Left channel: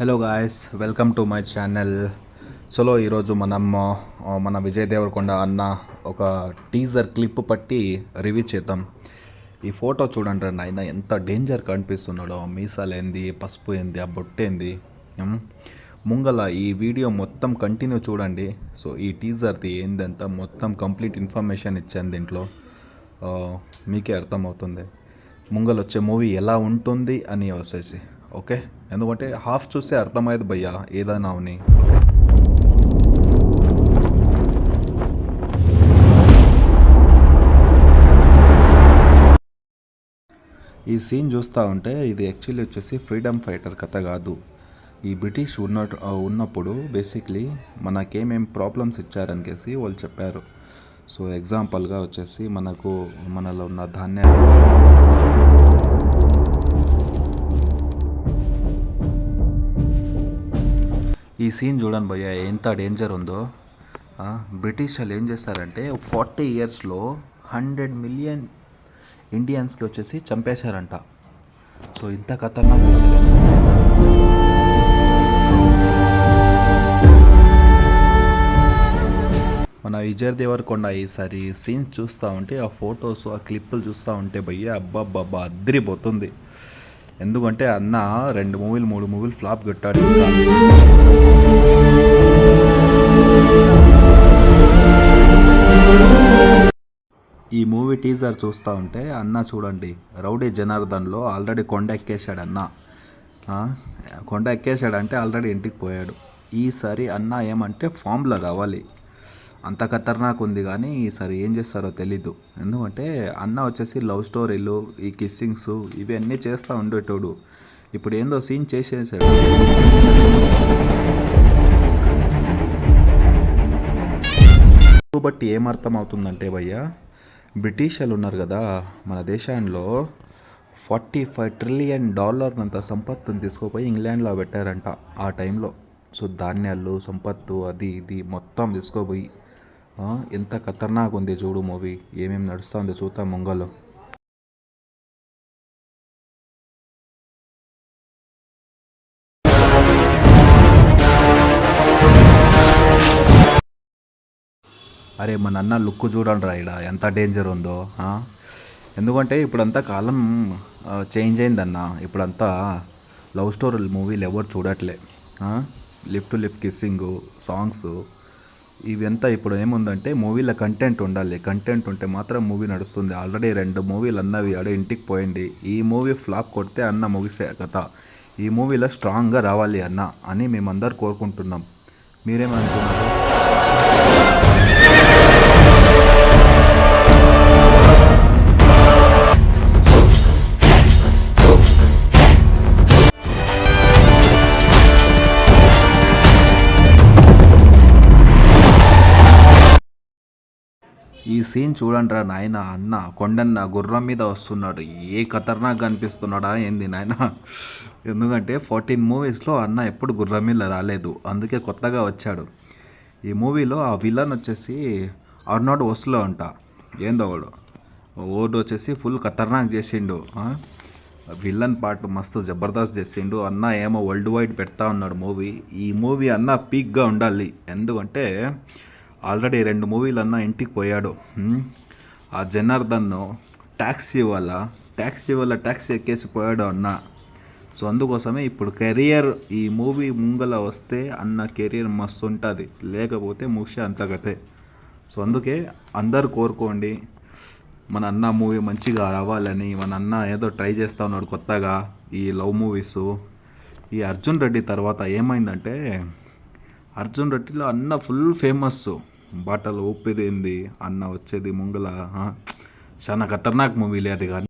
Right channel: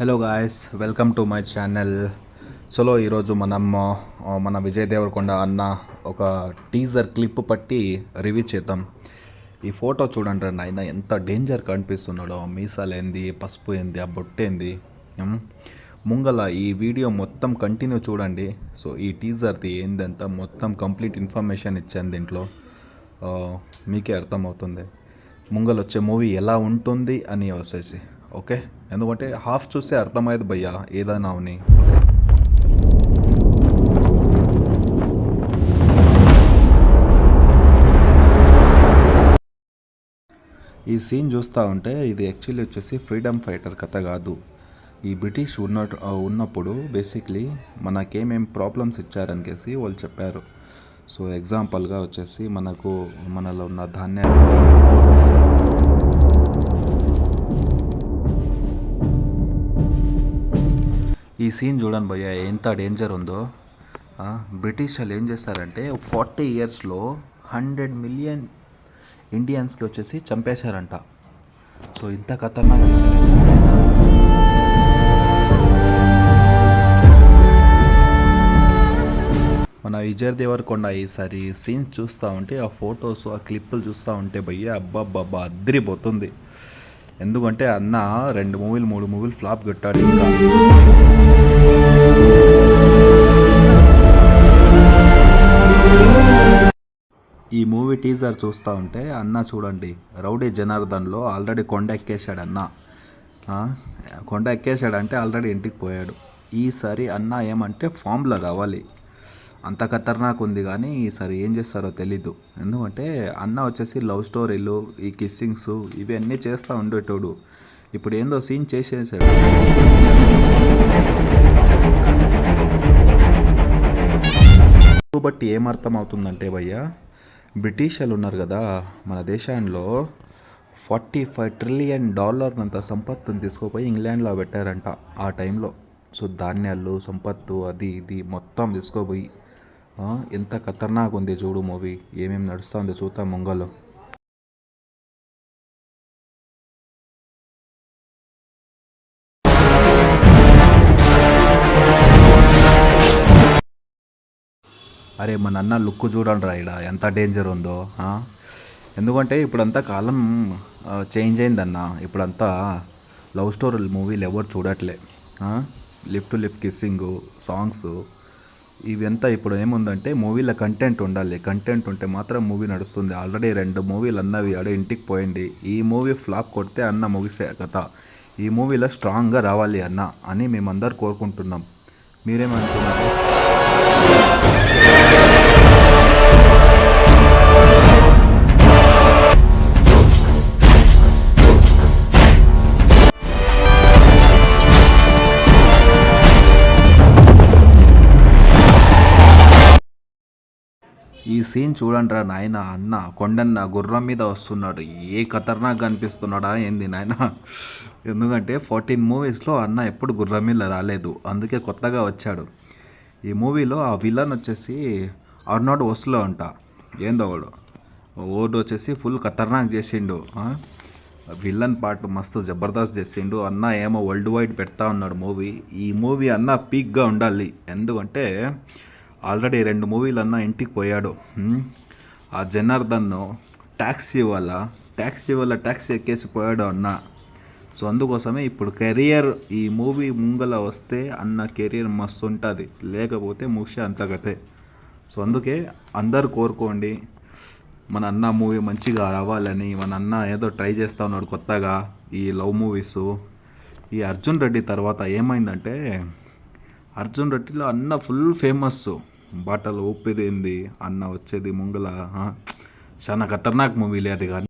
Hello guys, welcome to my channel. చలో ఈరోజు మన విజయ్ దేవరకొండ అన్న ఒక టీజర్ క్లిప్ పట్టి రివ్యూ చేద్దాం. ఈ ఫోటో చూడండి నాయన, ఎంత డేంజర్ కనిపిస్తున్నాడో. మీసాలు ఏంది, పసుపు ఏంది, ఆ బొట్టేంది. ముంగల ఈ వీడియో మొత్తం కంటిన్యూ చూడండి. సో ఈ టీజర్ది ఏందంత మొత్తం కంప్లీట్ ఇన్ఫర్మేషన్ ఇచ్చాను దీంట్లో. మీకే అర్థమవుతుంది ముంగల వచ్చే మూవీ ఎలా ఉంటుంది అని వచ్చేసి. ఓకే, ఎందుకంటే హాఫ్ చూస్తే అర్థమయ్యేది భయ్యా ఏదైనా అవని. ఓకే, ఈ సీన్ చూస్తూ ఉంటే ఇది యాక్చువల్లీ వచ్చేసి ఫ్రీడమ్ ఫైటర్ కథ కాదు. ఈ బ్రిటిష్ ఉన్నప్పుడు బేసిక్లీ మనకేమేం ప్రాబ్లమ్స్ ఇచ్చారనికేసి వాళ్ళు చెప్పారు. సో ఎగ్జాంపుల్గా వచ్చేసి మనలో ఉన్న ధాన్యాలు, ఈ సీన్ చూడండి భయ్య ఎంత డేంజర్ ఉందో. బ్రిటిష్ వాళ్ళు ఏం చేస్తారంటే 40 ఇయర్స్లో 100 మిలియన్ ఇండియన్స్కి వచ్చేసి చంపేశారంట. సో ఇంత ఖతర్నాక్ చేశారు. మన విజయ్ దేవరకొండ ఈసారి సీన్స్ చూస్తూ ఉంటే, ఆ ఫొటోస్, ఆ క్లిప్పులు చూస్తూ ఉంటే భయ్య అబ్బాబ్బా అద్దరిపోతుంది. ఎందుకంటే అన్న 2 మూవీలు 3 మూవీలు ఫ్లాప్ కొట్టాడు. ఇంకా ఈ మూవీ టీజర్ చూస్తూ ఉంటే అన్న చూడండి, రౌడీ జనార్దన్లో ఆల్రెడీ కొండ ఎక్కేశాడు అన్న. కొండ ఎక్కేశాడంటే ఆల్రెడీ ఇంటికి పోయాడు. ఈసారి అన్న ఏమంటే ఫామ్లో రావాలి. అంత ఖతర్నాక్ ఉంది, కానీ ఈసారి ఏం చేస్తారో తెలీదు. ఎందుకంటే అన్న వచ్చేసి లవ్ స్టోరీలు, ఈ కిస్సింగ్స్ ఇవన్నీ చేస్తూ ఉండేటోడు. ఇప్పుడు ఏందో సీన్ చేసేసాడు. బట్టి ఏమర్థం అవుతుందంటే భయ్య, బ్రిటిష్ వాళ్ళు ఉన్నారు కదా మన దేశంలో, $45 ట్రిలియన్ అంత సంపత్తుని తీసుకుపోయి ఇంగ్లాండ్లో పెట్టారంట ఆ టైంలో. సో ధాన్యాలు, సంపత్తు, అది ఇది మొత్తం తీసుకోపోయి ఎంత ఖతర్నాక్ ఉంది చూడు మూవీ. ఏమేమి నడుస్తుంది చూద్దాం ముంగలో. అరే మన అన్న లుక్ చూడండి రా, ఇక్కడ ఎంత డేంజర్ ఉందో. ఎందుకంటే ఇప్పుడంతా కాలం చేంజ్ అయిందన్న. ఇప్పుడంతా లవ్ స్టోరీ మూవీలు ఎవరు చూడట్లే. లిప్ టు లిప్ కిస్సింగు, సాంగ్స్ ఇవంతా ఇప్పుడు ఏముందంటే మూవీలో కంటెంట్ ఉండాలి. కంటెంట్ ఉంటే మాత్రం మూవీ నడుస్తుంది. ఆల్రెడీ 2 మూవీలు అన్నవి ఆడే ఇంటికి పోయింది. ఈ మూవీ ఫ్లాప్ కొడితే అన్న ముగిసే కథ. ఈ మూవీలో స్ట్రాంగ్గా రావాలి అన్న అని మేమందరు కోరుకుంటున్నాం. మీరేమంటున్నారు? ఈ సీన్ చూడండి రా నాయన, అన్న కొండన్న గుర్రం మీద వస్తున్నాడు. ఏ ఖతర్నాక్ కనిపిస్తున్నాడా ఏంది నాయన. ఎందుకంటే 14 మూవీస్లో అన్న ఎప్పుడు గుర్రం మీద రాలేదు, అందుకే కొత్తగా వచ్చాడు. ఈ మూవీలో ఆ విలన్ వచ్చేసి అర్నాల్డ్ ఓస్లో అంట. ఏందో ఓడు వచ్చేసి ఫుల్ ఖతర్నాక్ చేసిండు. విలన్ పార్ట్ మస్తు జబర్దస్త్ చేసిండు. అన్న ఏమో వరల్డ్ వైడ్ పెడతా ఉన్నాడు మూవీ. ఈ మూవీ అన్న పీక్గా ఉండాలి. ఎందుకంటే ఆల్రెడీ 2 మూవీలు అన్న ఇంటికి పోయాడు. ఆ జనార్దన్ ట్యాక్సీ వల్ల ట్యాక్సీ ఎక్కేసి పోయాడు అన్న. సో అందుకోసమే ఇప్పుడు కెరియర్, ఈ మూవీ ముంగల వస్తే అన్న కెరియర్ మస్తు ఉంటుంది, లేకపోతే ముఖ్య అంతగతే. సో అందుకే అందరు కోరుకోండి మన అన్న మూవీ మంచిగా రావాలని. మన అన్న ఏదో ట్రై చేస్తూ ఉన్నాడు కొత్తగా ఈ లవ్ మూవీస్. ఈ అర్జున్ రెడ్డి తర్వాత ఏమైందంటే, అర్జున్ రెడ్డిలో అన్న ఫుల్ ఫేమస్. బాటలు ఊపిదేంది అన్న వచ్చేది ముంగల చాలా ఖతర్నాక్ మూవీలే అది. కానీ